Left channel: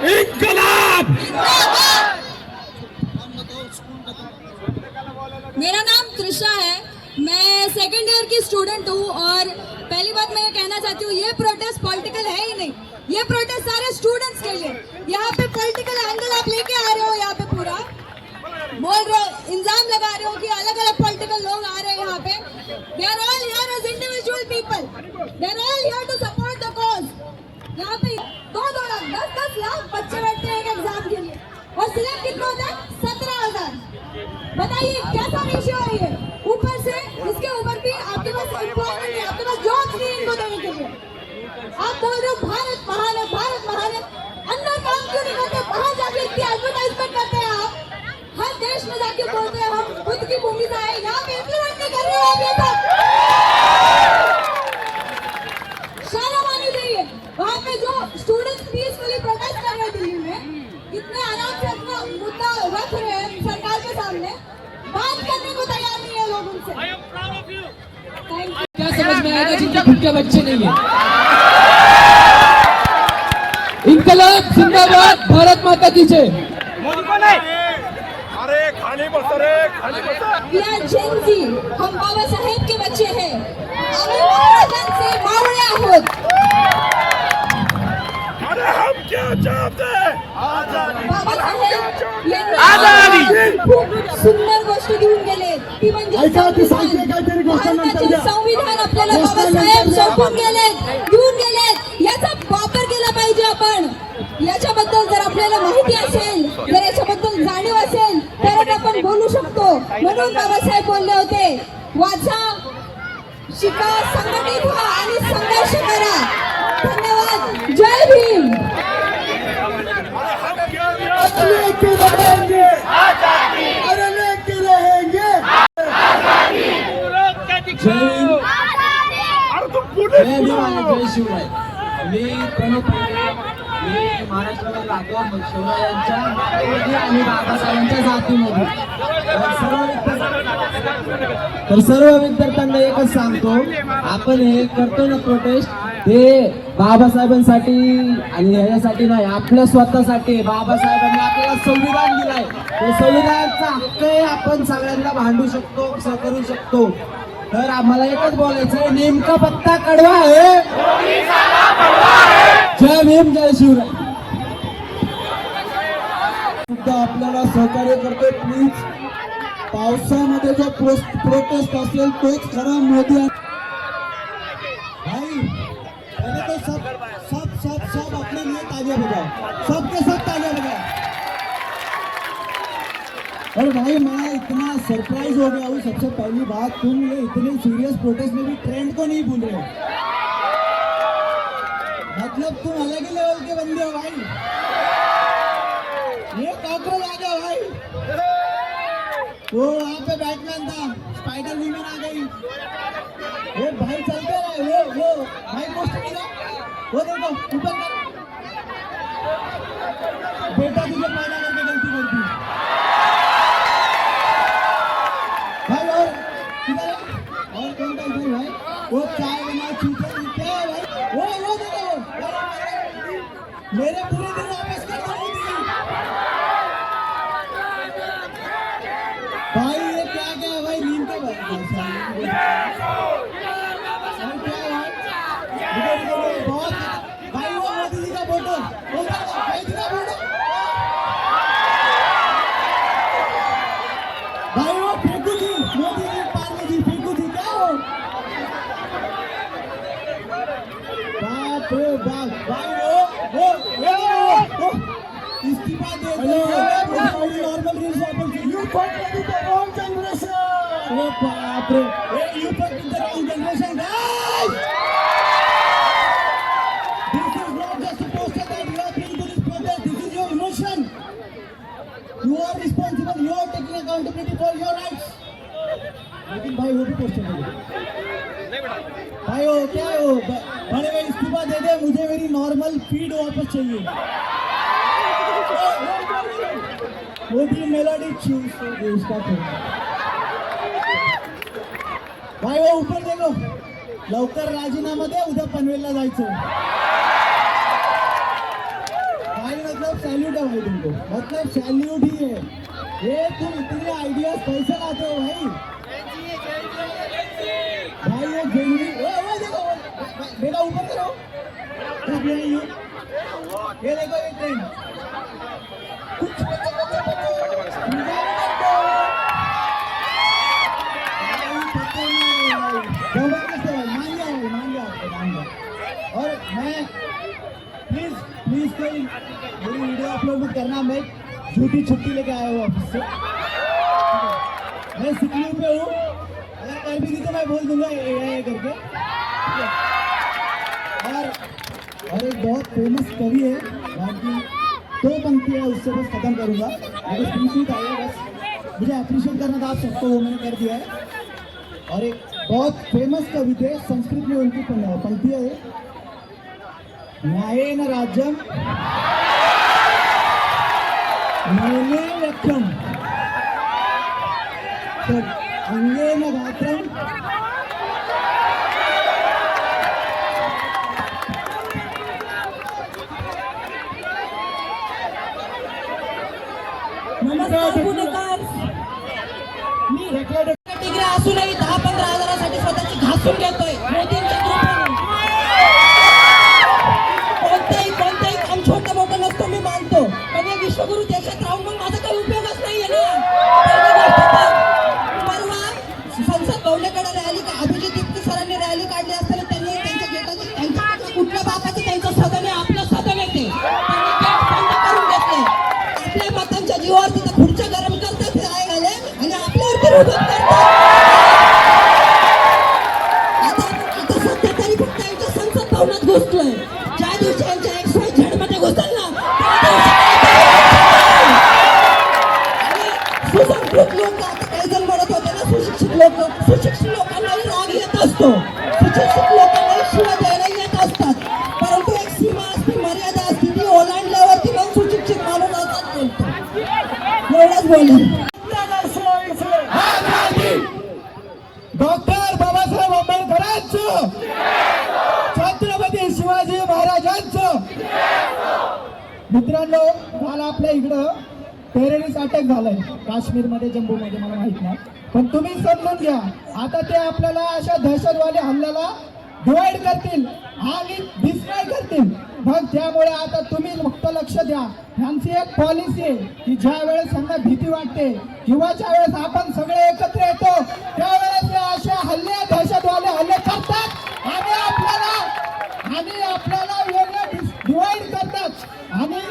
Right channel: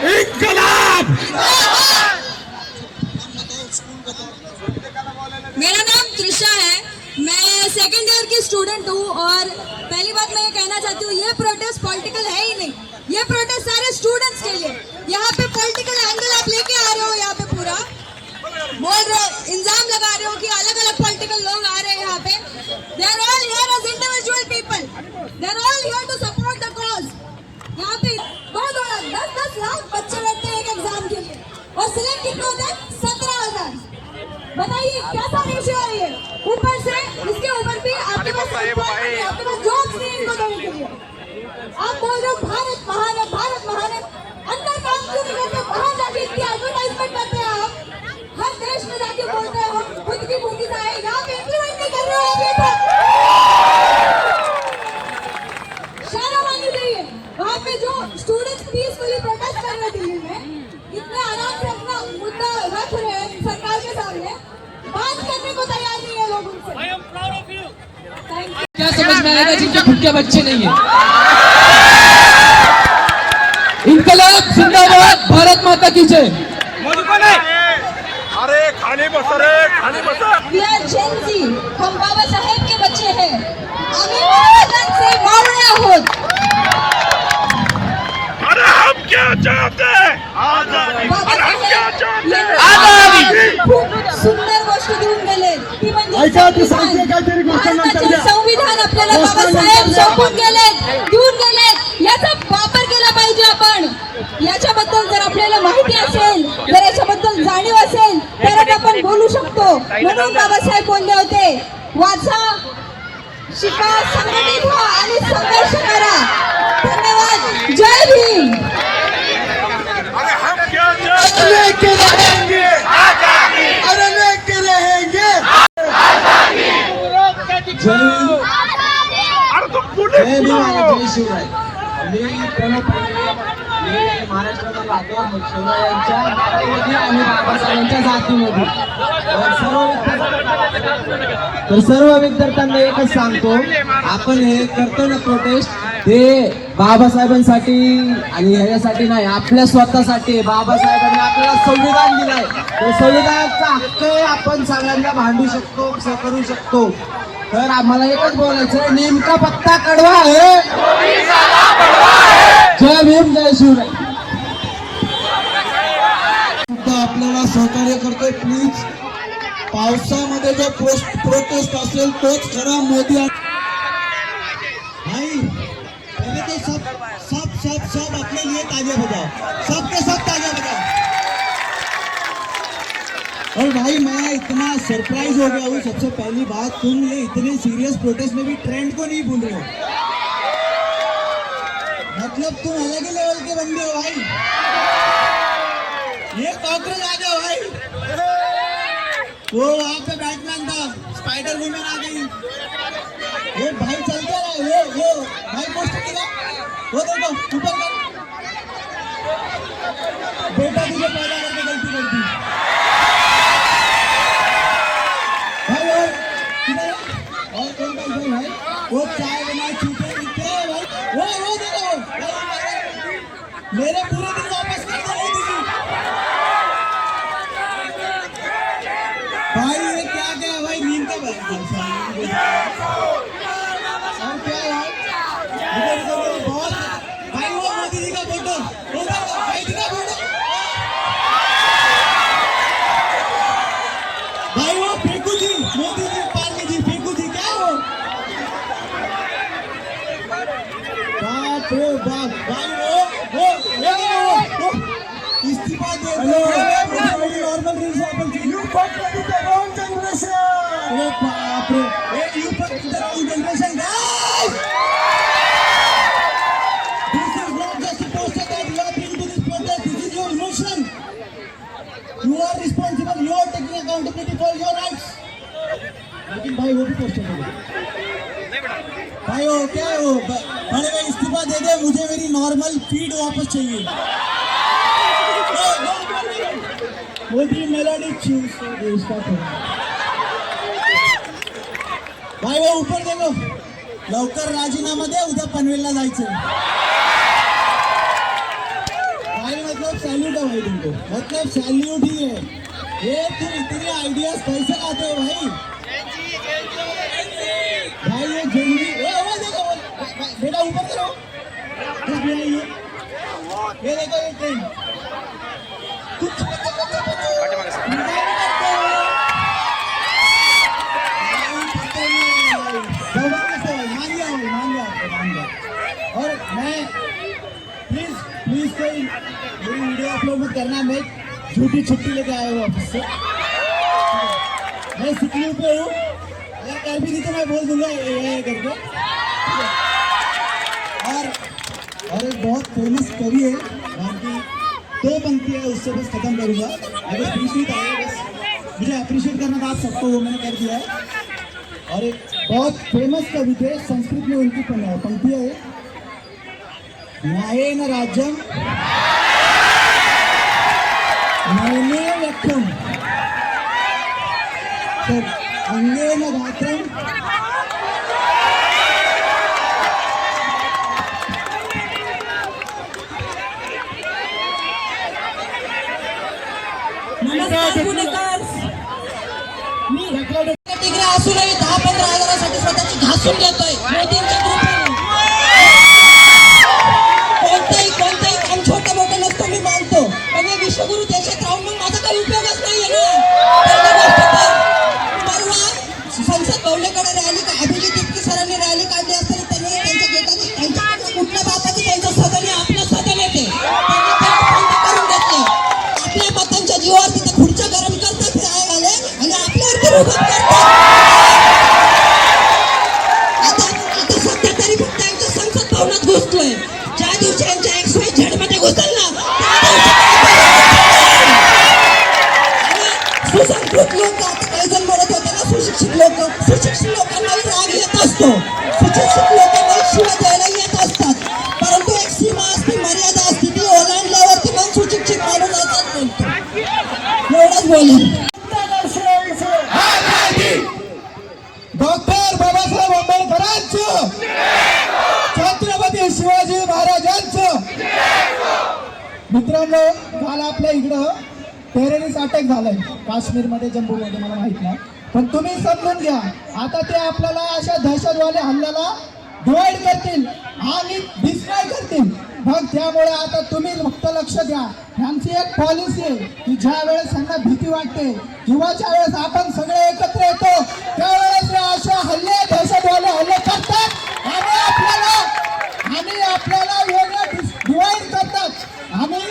इंकलाब। मेरा नाम त्रिशा है, मैं सेकेंड ईयर की स्टूडेंट हूँ और पहली बात मैं ये कहना चाहती हूँ, ये प्रोटेस्ट पॉलिटिकल है ही नहीं। ये प्रोटेस्ट सारे स्टूडेंट्स के लिए। यहाँ पे पॉलिटिकल एंगल आप लेके आ रहे हो, यहाँ पे पूरा बोल रहे हो, इल्जाम लगा रहे हो कि अलग अलग पॉलिटिकल लोग आ रहे हैं यहाँ पे। They are all here as individual people, they are all here to support the cause. यहाँ पे 10 लाख बच्चे बैठते हैं एक एग्जाम के लिए और सिलेक्ट कितने होते हैं? 17,000। बताइए कैसा रेशियो है ये? ऊपर से इसके ऊपर भी आपके पास जॉब्स नहीं इनको देने के लिए। आप बोल रहे हो भारत महान है, भारत महान है। अंदर काम क्यों नहीं करते? बाहर जाके इतनी एडवर्टाइजमेंट करते हैं आप, हर देश में जाके बोलते हैं हम खुद की भूमि से आए, यहाँ पे इम्प्लीमेंट नहीं कर रहे हो अभी तक। शर्म आनी चाहिए। वहाँ पे जो स्टूडेंट्स पीसफुली प्रोटेस्ट कर रहे हैं दिल्ली में, इतने आराम से अपना मुद्दा रख रहे हैं सरकार के सामने, बात करने को तैयार नहीं है लोग उनसे। क्या समझ में आएगा जिनके खुद के बच्चे नहीं है? इंकलाब जिंदाबाद, भारत माता की जय। अरे खाली बस रे, खाली बस। We are Gen Z, हम बाबा साहेब के बच्चे हैं, आम्ही महाराजां से मारणे आहोत। अरे हम क्या चाहते हैं? आजादी। अरे हम क्या चाहते हैं? आजादी। खूप सुंदर गोष्ट घेऊन गेले, ती म्हणजे भारताचे संविधान आपल्याला बाबासाहेब सोपून गेलेत, घेऊन गेलेत। याचा वापर केला पाहिजे आपण। याच्याबद्दल जर आपल्याला माहिती असेल, जर याच्याबद्दल जाणीव असेल तर आपण बोलू शकतो। म्हणून बाबासाहेब बोलले होते, वाचा, शिका, संघटित व्हा आणि संघर्ष करा। धन्यवाद, जय भीम। अरे हम क्या चाहते हैं? लेके रहेंगे आजादी। अरे लेके रहेंगे आजादी। अरे तुम पुणे जय शिवराय। मी प्रणव पांडे, मी महाराष्ट्रात राहतो शिवरायांच्या आणि बाबासाहेबांच्या जातीमध्ये। तर सर्व विद्यार्थ्यांना एकच सांगतो, आपण हे करतो ना प्रोटेस्ट, हे बाबासाहेबांसाठी आणि ह्याच्यासाठी नाही, आपल्या स्वतःसाठी। बाबासाहेबांनी आपल्याला संविधान दिलंय, ते संविधानाचा हक्क आपण सगळ्यांना भांडू शकतो, करू शकतो। तर आम्हाला एकच बोलायचं, नेमका पत्ता कडवा आहे। जय भीम, जय शिवराय। आपल्याला सहकार्य करतोय, प्लीज। पावसामध्ये जो प्रोटेस्ट असेल तोच खरा मोदी। भाई पहले तो सब अपने लिए तालियां बजाओ, सबके सब तालियां बजाओ। और भाई मैं इतना सरप्राइज हो गया हूँ, सबसे पहली बात, तुम ये इतने सीरियस प्रोटेस्ट में भी ट्रेंड को नहीं भूल रहे हो। मतलब तुम अलग ही लेवल के बंदे हो भाई। ये कॉकरोच आ जाओ भाई। वो वहाँ पे बैटमैन था, स्पाइडर वुमेन आ गई। ये भाई चलते रहे, वो भाई पोस्टर दिखा, वो देखो ऊपर कर। बेटा तुझे पैदा करके गलती कर दी भाई। और किधर है? और कौन है? वो चाय बना चूते क्या है भाई? वो देखो मेरे पूरे दिन वापस कर दो भाई। ये क्या है भाई? नींद के बाद और क्या है बहुत भाई। वो मोदी जी का फोटो, भाई जी का फोटो भाई। वो फेंकू जी, मोदी जी, पार्ले जी, फेंकू जी, क्या हो? बाप रे बाप भाई। वो इस्तीफा दे दो। नॉर्मल रूल्स अपन यू फक विद द रॉन्ग जनरेशन। ओ बाप रे, यू फक विद the wrong generation guys. This is not just a poster that you are bringing to this protest. This is your emotion. You are responsible. You are taking accountability for your rights. लेकिन भाई वो भी poster दे भाई। वो क्या हो बड़े भाई? इस्तीफा दे दे, मुझे मेरी नॉर्मल फीड वापस चाहिए। मोदी मेलोडी चूज भाई। वो ऊपर देखो, लवकर राजीनामा दे, उद्या पनवेलला जायचं भाई। मतलब सैल्यूट है भाई तुमको, मतलब सैल्यूट ही है ये। तुम इतनी आइडियाज कैसे लाते हो भाई? भाई ये जेनजी, वो देखो बेटा ऊपर करो, ये देखो ये ट्रेंड कुछ और मैं प्लीज कोई मेरी वीडियो अपलोड मत करना। मैं झूठी छुट्टी लेके आया हूँ ऑफिस से, मैं सिक लीव पे हूँ। अगर कर भी नहीं तो मैं बोल दूंगा ये करके। और एक बहुत फेमस कवि है भारतीय, 2 पंक्तियाँ उससे बस खत्म करूँगा। अगर स्पीच नहीं था बस मुझे अप्रिशिएट करना था आप सबको, वो मैंने कर दिया है। और एक बहुत फेमस कवि थे, संस्कृत में उनकी पंक्तियाँ है, न्यायेन राज्यम नयने व्यक्तम अंगेन गात्रम मी रेकॉर्ड डिग्री असूनही 10-15 हजारासाठी स्वतःची घासून घेतोय मोदींच्या कृपेने। कोणताही काम छोटं मोठं नसतं मी मानतो, पण हे विश्वगुरु देशात राहून मग माझा काही उपयोगच नाहीये ना। पहिली गोष्ट तर परवा संसद भवनाकडे रॅली अभिजित तिपकी सरांनी रॅली काढली असताना त्यांनी त्यांच्या गेटाची त्यांच्या कुठल्या बापाचं त्यांचं सदन आहे, आपलं सदन आहे ते त्यांनी गेट बंद करून घेतले। आपल्या मतांच्या जीवावर तिथं खुर्च्या गरम करतात आले आणि आपल्यावरती रोखत करतात। आता सध्या तरी फक्त यांच्या संसद भवनात घुसलोय, ज्या दिवशी यांच्या XYZ मध्ये घुसल ना सुसंस्कृत लोक, आता काही जण म्हणत होते ना सुशिक्षित लोक, सुशिक्षित लोकांनाही राग येत असतो, सुशिक्षित लोकांनाही शिव्या द्यायला येत असतात, परंतु एक सीमा असते, मर्यादा असते, ती ओलांडल्यावरती मग सुशिक्षित माणूस असतात बोलतो। एवढंच बोलेन। डॉक्टर बाबासाहेब आंबेडकरांचं, छत्रपती शिवाजी महाराजांचं। मित्रांनो, काल आपल्या इकडं टेररिस्ट अटॅक झालाय काश्मीरमध्ये, जम्मूमध्ये, मला माहित नाही, पण तुम्ही समजून घ्या, आता ते आपल्याला अशा दहशतवादी हल्ल्याला डिवाइड करतील आणि डिस्ट्रॉय करतील। मग त्यामुळे आता तुम्ही फक्त लक्ष द्या, ह्यांची एक पॉलिसी आहे की ज्या वेळेस त्यांना भीती वाटते किंवा ज्या वेळेस आपण सगळे एकत्र येतो त्यावेळेस अशा हल्ले, दहशतवादी हल्ले करतात आणि आपल्याला वेगळं डिवाइड करतात आणि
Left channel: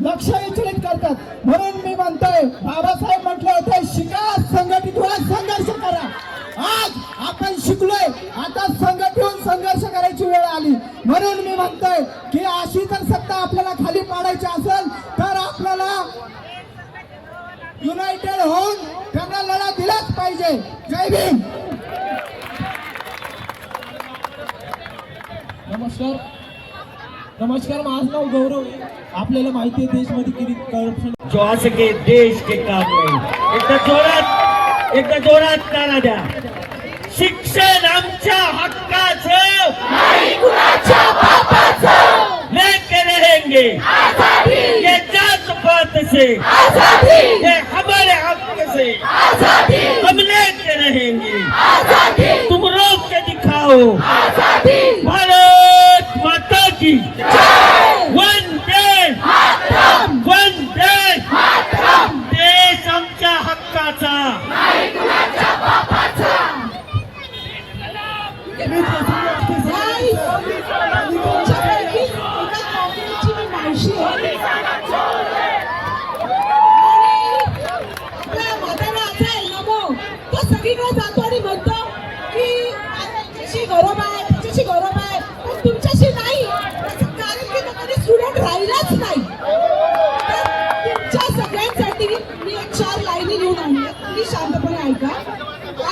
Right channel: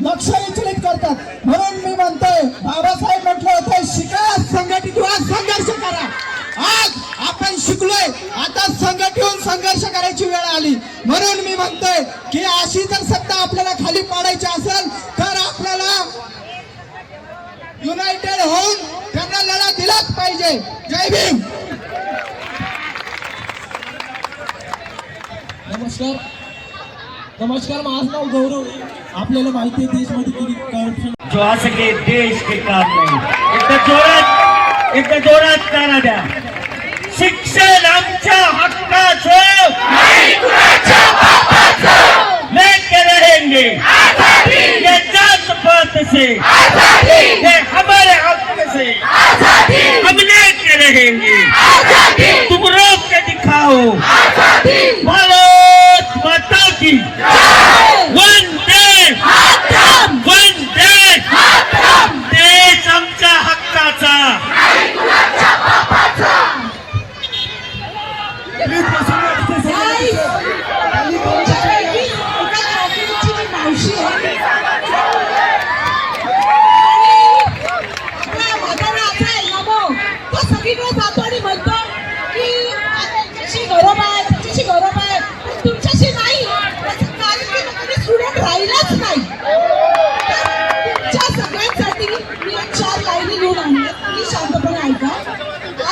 लक्ष विचलित करतात। म्हणून मी म्हणतोय, बाबासाहेब म्हटलं होतं शिका, संघटित व्हा, संघर्ष करा। आज आपण शिकलोय, आता संघटित होऊन संघर्ष करायची वेळ आली। म्हणून मी म्हणतोय की अशी जर सत्ता आपल्याला खाली पाडायची असेल तर आपल्याला युनायटेड होऊन त्यांना लढा दिलाच पाहिजे। जय भीम। नमस्कार, माझं नाव गौरव आहे। आपल्याला माहिती आहे देशमध्ये किती करप्शन जो असं के देश के काम नाही। एकदा जोरात नारा द्या, शिक्षण आमच्या हक्काचं नाही, कुणाच्या बापाचं। लेके रहेंगे ये जात पात से, ये हमारे हक से हम लेके रहेंगे। तुम रोक के दिखाओ, भारत माता की वंदे मातरम, वंदे मातरम। देश आमच्या हक्काचा नाही, कुणाच्या बापाचा। जातो आणि म्हणतो की त्याच्याशी गौरव आहे, त्याच्याशी गौरव आहे, पण तुमच्याशी नाही। त्याचं कारण की कधी स्टुडंट राहिलाच नाही। तुमच्या सगळ्यांसाठी मी 4 लाईनी लिहून आणल्या, तुम्ही शांतपणे ऐका।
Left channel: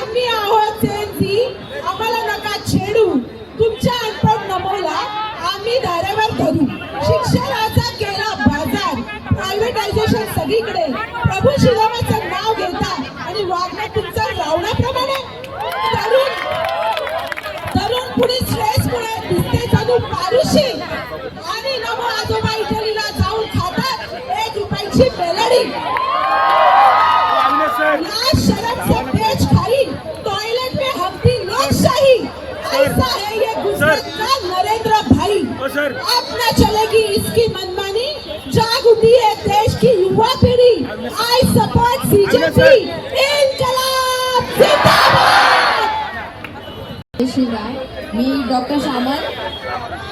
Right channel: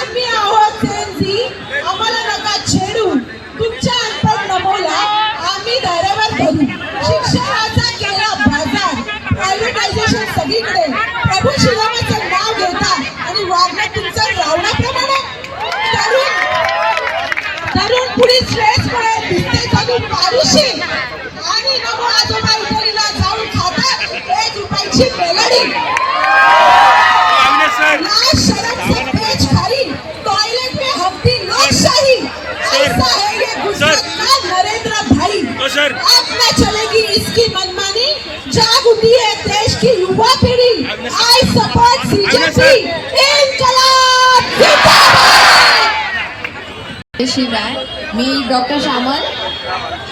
आम्ही आहोत सेनजी, आम्हाला नका छेडू, तुमच्या अनपढ नमोला आम्ही दारावर धरू। शिक्षणाचा केला बाजार, प्रायव्हेटायझेशन सगळीकडे, प्रभू शिवाचं नाव घेता आणि वागणं तुमचं रावणाप्रमाणे। तरुण पुढे स्ट्रेसमुळे दिसते जणू पारुशी आणि नमो आजोबा इटलीला जाऊन खातात अच्छी मेलोडी, अविनाश सर लाल शर्ट से पेच खाई, टॉयलेट में हफ्ती लोकशाही, ऐसा है ये गुजरात का नरेंद्र भाई। तो सर अब न चलेगी इसकी मनमानी, जाग उठी है देश की युवा पीढ़ी। आई सपोर्ट बीजेपी, इनकलाब जिंदाबाद। शिवाय मी डॉक्टर श्यामल,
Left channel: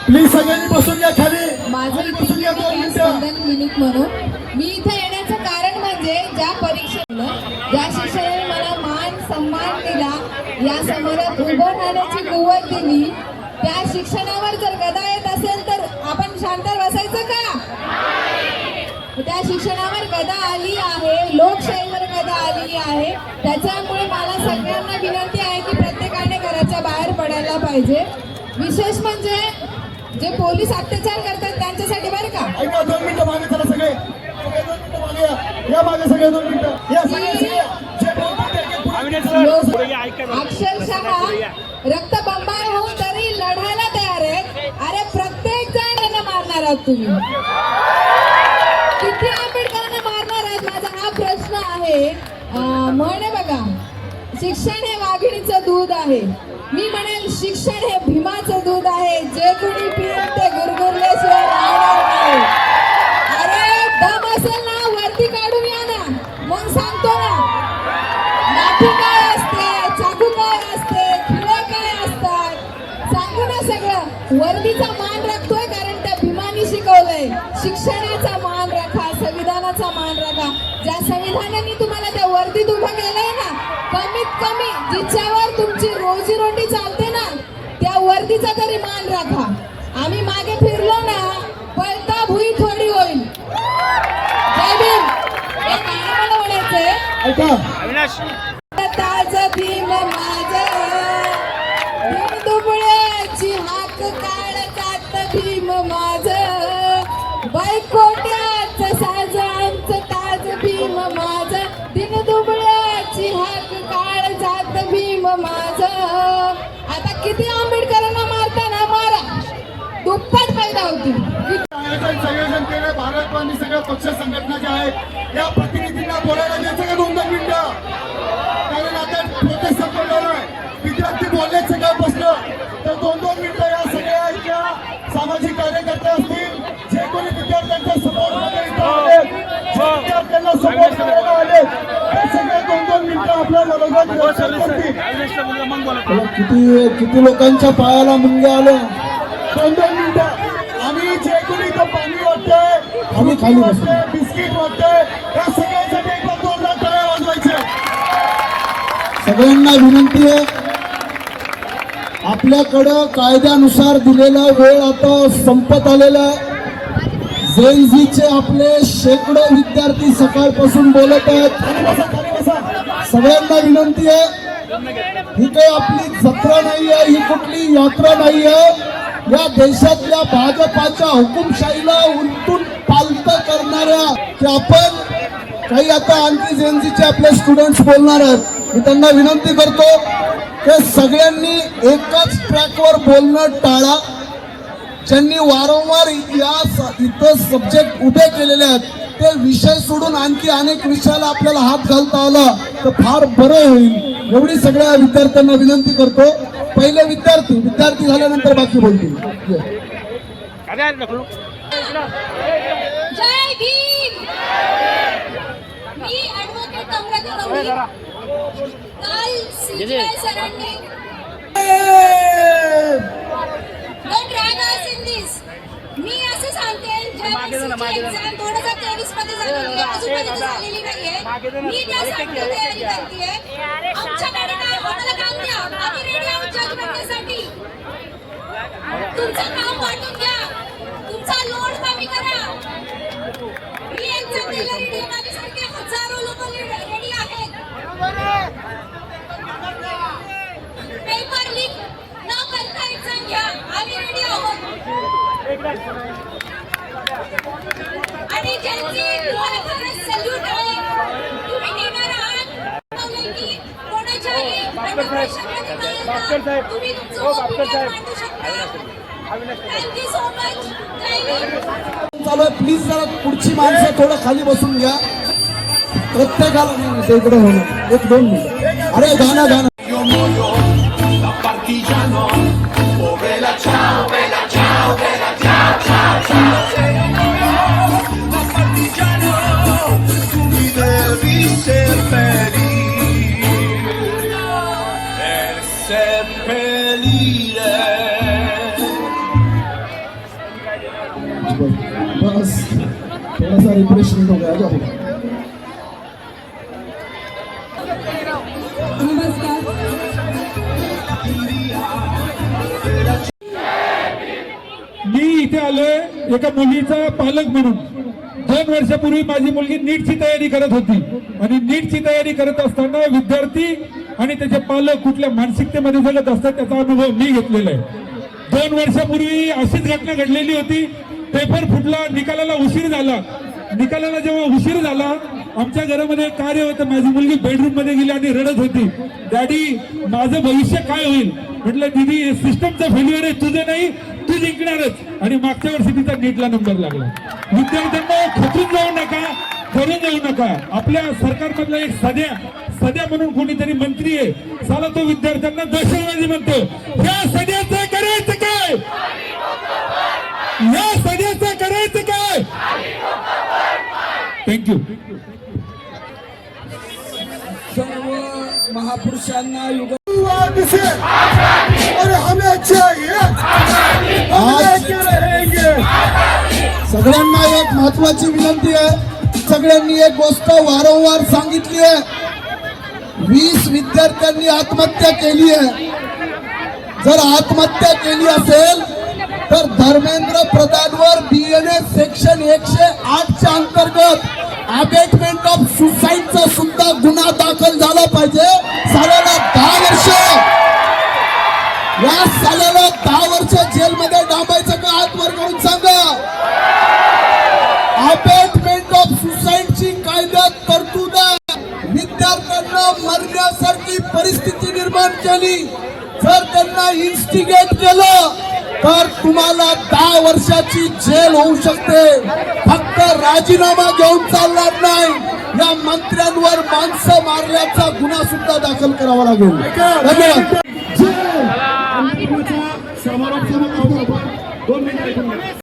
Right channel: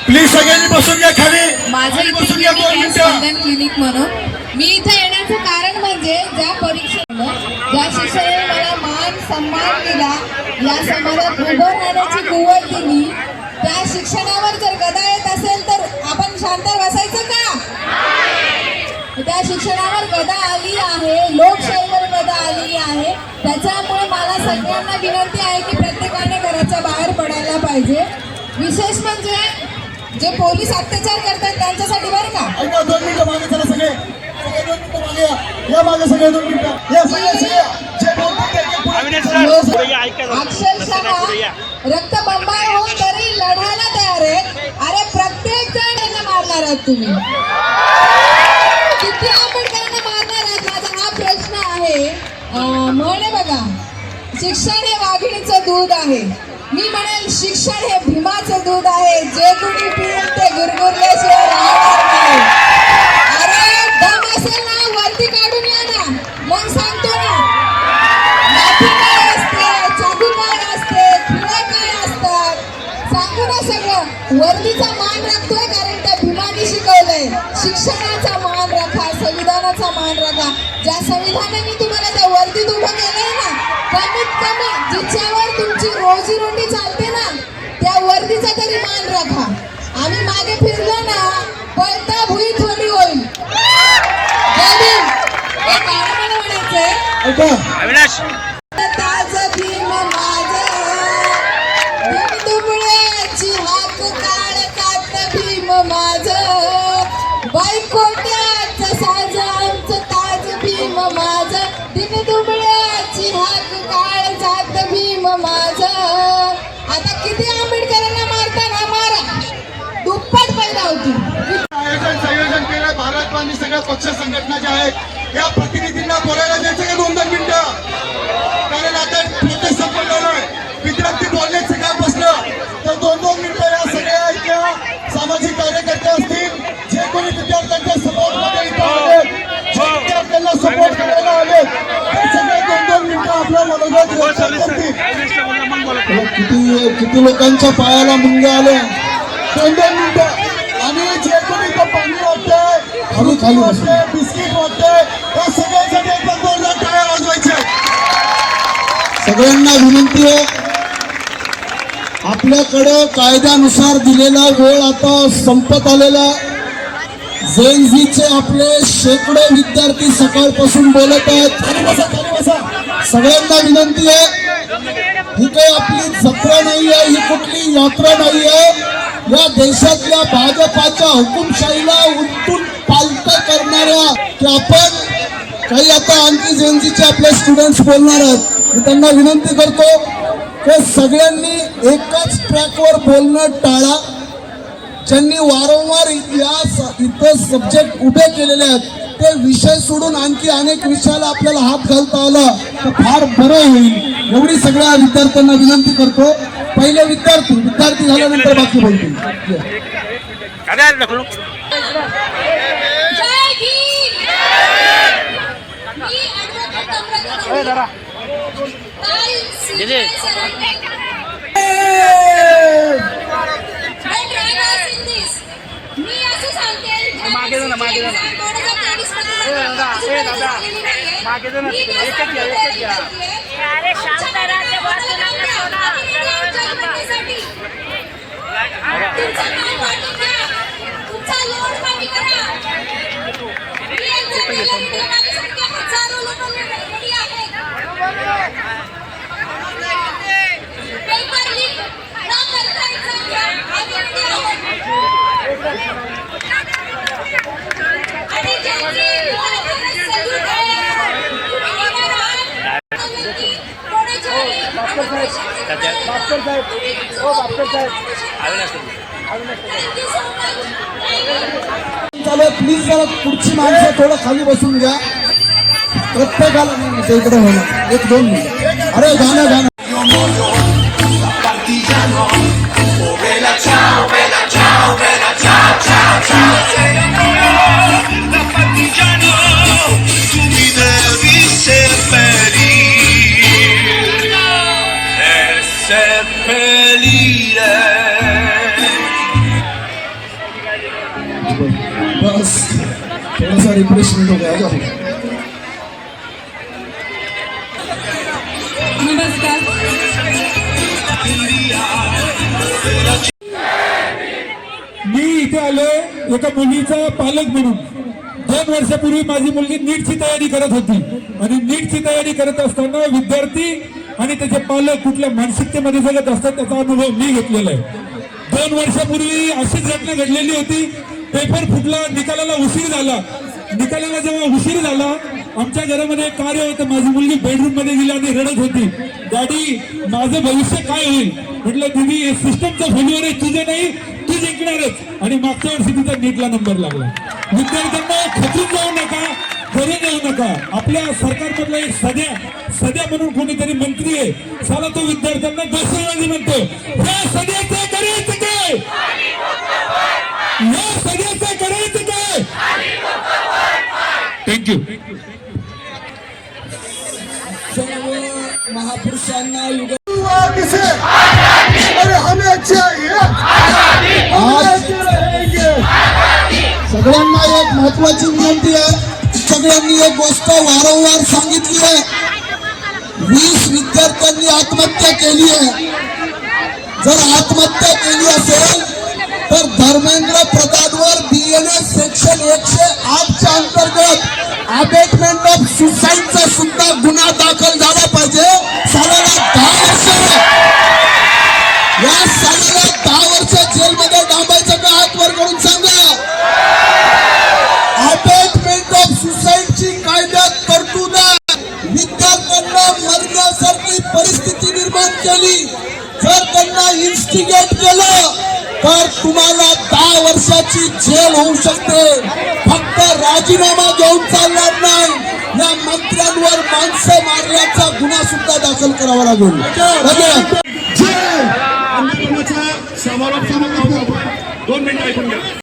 प्लीज सगळ्यांनी बसून घ्या खाली. माझं इथे बसून घ्या, 2 क्लिनिक आहे मिनिटं. स्पंदन क्लिनिक म्हणून. मी इथे येण्याचं कारण म्हणजे ज्या परीक्षेनं ज्या शिक्षकाने मला मान सन्मान दिला, या समाजात उभं राहण्याची कुवत दिली, त्या शिक्षणावर जर गदा येत असेल तर आपण शांत बसायचं का? त्या शिक्षणावर गदा आली आहे, लोकशाहीवर गदा आली आहे. त्याच्यामुळे मला सगळ्यांना विनंती आहे की प्रत्येकाने घराच्या बाहेर पडायला पाहिजे. विशेष म्हणजे जे पोलीस अत्याचार करतात त्यांच्यासाठी बरं का. ऐका 2 मिनिटं मागे चला सगळे. सगळे 2 मिनिटं मागे या. या मागे सगळे 2 मिनिटं. या सगळे सगळे. जे बोलतात ते पुढे. अविनाश सर ऐका ना. अक्षरशः रक्तबंबाळ होऊन तरी लढायला तयार आहेत. अरे प्रत्येक जण यांना मारणार आहात तुम्ही. किती आंबेडकरांना मारणार आहात माझा हा प्रश्न आहे. म्हणे बघा, शिक्षण हे वाघिणीचं दूध आहे. मी म्हणेल शिक्षण हे भीमाचं दूध आहे. जे कुणी पिईल ते गुरगुरल्याशिवाय राहणार नाही. अरे दम असेल ना वरती काढून या ना, मग सांगतो ना. लाठी काय असते, चाकू काय असते, खिळे काय असतात, सांगू ना सगळं. वर्दीचा मान राखतोय कारण त्या भीमानी शिकवलंय. शिक्षणाचा मान राखा, संविधानाचा मान राखा. ज्या संविधानाने तुम्हाला त्या वर्दीत उभं केलंय ना, कमीत कमी जिच्यावर तुमची रोजीरोटी चालते ना, त्या वर्दीचा तरी मान राखा. आम्ही मागे फिरलो ना, पळता भुई थोडी होईल. जय भीम. हे गाणं मला म्हणायचंय. ऐका. अविनाश ताज भीम माझं, भीम दुबळ्याची हाक काढतात भीम माझं, बायकोट्याचं साज आमचं ताज भीम माझं, दिन दुबळ्याची हाक काढतात भीम माझं. आता किती आंबेडकरांना मारताना मारा, दुप्पट पैदा होती. संयोजन केलं भारत आणि सगळ्या पक्ष संघटना ज्या आहेत या प्रतिनिधींना बोलायला द्यायचं का 2 मिनिटं. कारण आता प्रोटेस्ट संपलेला आहे. विद्यार्थी बोलण्यात सगळ्या बसलं तर 2 मिनिटं या सगळ्या इथल्या सामाजिक कार्यकर्ते असतील, जे कोणी विद्यार्थ्यांच्या सपोर्ट मध्ये इथं आले, जे विद्यार्थ्यांना सपोर्ट करायला आले, ते सगळे 2 मिनिटं आपल्या मनोगत व्यक्त करतील. किती लोकांच्या पायाला मुंग्या आल्या. 2 मिनिटं. आणि जे कोणी इथं पाणी वाटतंय, खाली वाटतंय, बिस्किट वाटतंय, या सगळ्यांसाठी एकदा जोरदार टाळ्या वाजवायच्या. सगळ्यांना विनंती आहे, आपल्याकडे कायद्यानुसार दिलेला वेळ आता संपत आलेला. झेनझीचे आपले शेकडो विद्यार्थी सकाळपासून बोलत आहेत. सगळ्यांना विनंती आहे, ही काही आपली जत्रा नाही आहे, ही कुठली यात्रा नाही आहे. या देशातल्या भाजपाच्या हुकुमशाहीला उलटून पालतं करणाऱ्या की आपण काही आता आणखी जेएनजीचे आपले स्टुडंट्स बोलणार आहेत. मी त्यांना विनंती करतो की सगळ्यांनी एकाच ट्रॅकवर बोलणं टाळा. ज्यांनी वारंवार इथं सब्जेक्ट उभे केलेले आहेत ते विषय सोडून आणखी अनेक विषयाला आपल्याला हात घालता आला तर फार बरं होईल. एवढी सगळ्या विद्यार्थ्यांना विनंती करतो. पहिले विद्यार्थी झाल्यानंतर बाकी बोलतील. जय भीम. मी ॲडव्होकेट कमलाकर काल CBI सरांनी मी असं सांगते, ज्या एक्झाम 2023 मध्ये अजूनपर्यंत झालेली नाहीये. मी काय सांगते ते विनंती आहे. आमच्याकडे आम्हाला काम द्या. आम्ही ready आहोत जजमेंटसाठी. तुमचं काम वाटून घ्या. तुमचा लोड कमी करा. मी एक्झाम द्यायला ready आहे. माझ्यासारखे हजारो लोक ready आहेत. पेपर लीक न करता एक्झाम घ्या. आम्ही ready आहोत. आणि ज्यांची तुम्हाला सल्यूट आहे, तुम्ही येणार आहात. कोणाच्याही Thank you so much. चालू आहे. प्लीज जरा पुढची माणसं थोडं खाली बसून घ्या. प्रत्येकाला नाही ते इकडे होणार 1-2 मिनिट. अरे गाणं Da partigiano, tu mi devi seppellire. बस थोडासा रिफ्रेशमेंट हो गया. जाओ. नमस्कार. मी इथे आलोय एका मुलीचा पालक म्हणून. 2 वर्षापूर्वी माझी मुलगी नीटची तयारी करत होती आणि नीटची तयारी करत असताना विद्यार्थी आणि त्याचे पालक कुठल्या मानसिकतेमध्ये जगत असतात त्याचा अनुभव मी घेतलेला आहे. 2 वर्षापूर्वी अशीच घटना घडलेली होती. पेपर फुटला, निकालाला उशीर झाला. निकालाला जेव्हा उशीर झाला आमच्या घरामध्ये एक कार्य होतं. माझी मुलगी बेडरूम मध्ये गेली आणि रडत होती, डॅडी माझं भविष्य काय होईल. म्हटलं दीदी हे सिस्टमचं फेल्युअर आहे, तुझं नाही, तू जिंकणारच. आणि मागच्या वर्षी तिचा नीटला नंबर लागला. विद्यार्थ्यांना खचून जाऊ नका, करून जाऊ नका. आपल्या सरकारमधला एक सध्या म्हणून कोणीतरी मंत्री आहे, साला तो विद्यार्थ्यांना दहशतवादी म्हणतो. या सध्याचं करायचं काय, या सध्याचं करायचं काय. थँक्यू. सर्व महापुरुषांना युग अरे हमें चाहिए. आज सगळ्यांना एक महत्वाची विनंती आहे. सगळ्यांनी एक गोष्ट वारंवार सांगितली आहे. 20 विद्यार्थ्यांनी आत्महत्या केली आहे. जर आत्महत्या केली असेल तर धर्मेंद्र प्रधानवर BNS सेक्शन 108च्या अंतर्गत अबेटमेंट ऑफ सुसाईडचा सुद्धा गुन्हा दाखल झाला पाहिजे. सालाला 10 वर्ष, या सालाला 10 वर्ष जेलमध्ये डांबायचं का, हात वर करून सांगा. अबेटमेंट ऑफ सुसाईडची कायद्यात तरतूद आहे. विद्यार्थ्यांना मरण्यासारखी परिस्थिती निर्माण केली, जर त्यांना इन्स्टिगेट केलं तर तुम्हाला 10 वर्षाची जेल होऊ शकते. फक्त राजीनामा घेऊन चालणार नाही, या मंत्र्यांवर माणसं मारल्याचा गुन्हा सुद्धा दाखल करावा लागेल. धन्यवाद.